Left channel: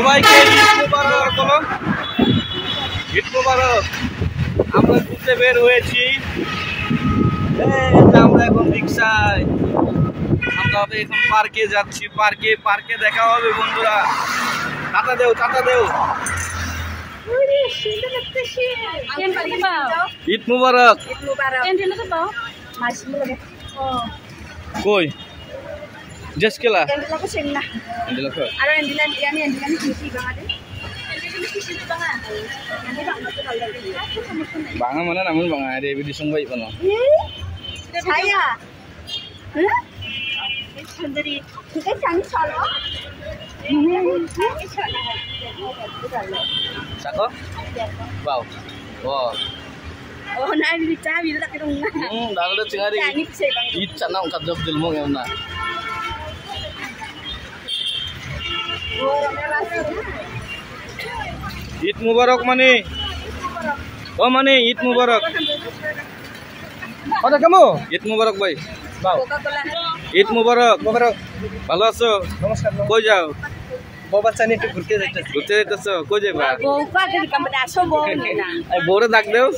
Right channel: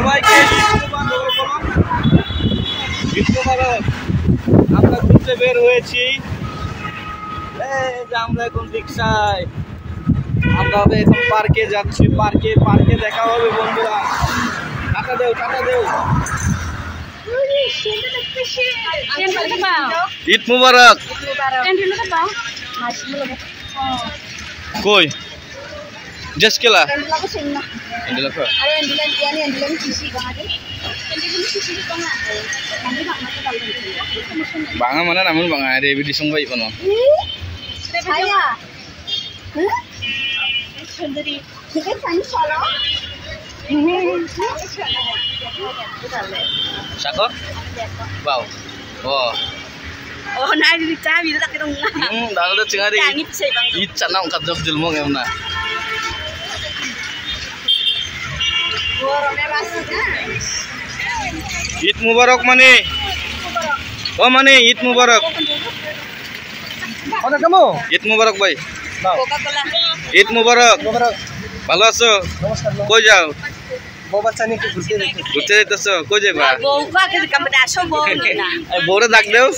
সবাইকে ঈদ মোবারক। আমরা ঘুরতে বের হয়েছি, আমরা এখন রিক্সায়, আমরা এখন পার্কে যাচ্ছি। পার্কে দেখা হবে বন্ধুরা। টাটা দেও, টাটা দেও। ঈদ মুবারক। কই জেস কেলা banga mana namun banga ada di sungguh ibu no. Saya. Sendiri. Kita cari solo. Sako? Wow. Oh. Oh, nah di cabi itu tak ketemu. Dah ada cengari. Ini bisa bang. Id cana ungkat jok jelmo ngemna. Id mubarak mani. Oh mani, Id mubarak. Mana kamu? Id mubarak boy. Coca-Cola. Id mubarak. Mubarak. ভালো আছো? নমস্কার। কই যাও? বাবা চানি একটু ঘুরতে যাইতেছি। ঘুরতে যাইতেছো? কই যাবা? Boka ke kamar aso bo na. বউরে ডাক দেও।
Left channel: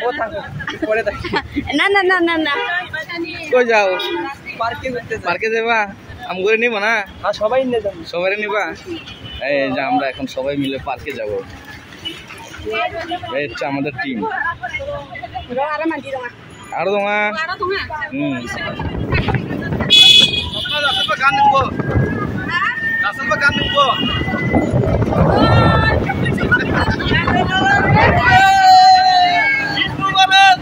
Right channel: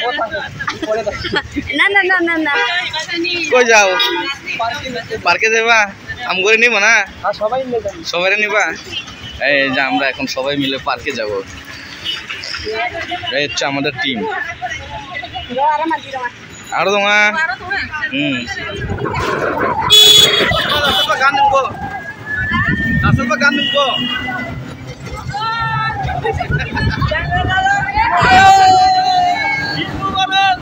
বউ থাকো। পরে দেখ। না। কই যাও? পার্কে যেতে। পার্কে যাবা? আম করে নিব না? হ্যাঁ সবাই নিয়ে যাবে। সবাই নিবা? এই যে আমরা এখন সবাই মিলে পার্কে যাব। এই হচ্ছে আমাদের টিম। আরো দোঙা। গান নেবো। আসল গান নেবো। ঈদ মুবারক।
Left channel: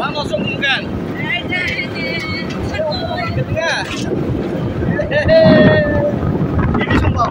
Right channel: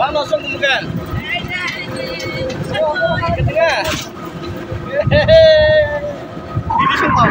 Wah, langsung bukan? Ketika ini semua.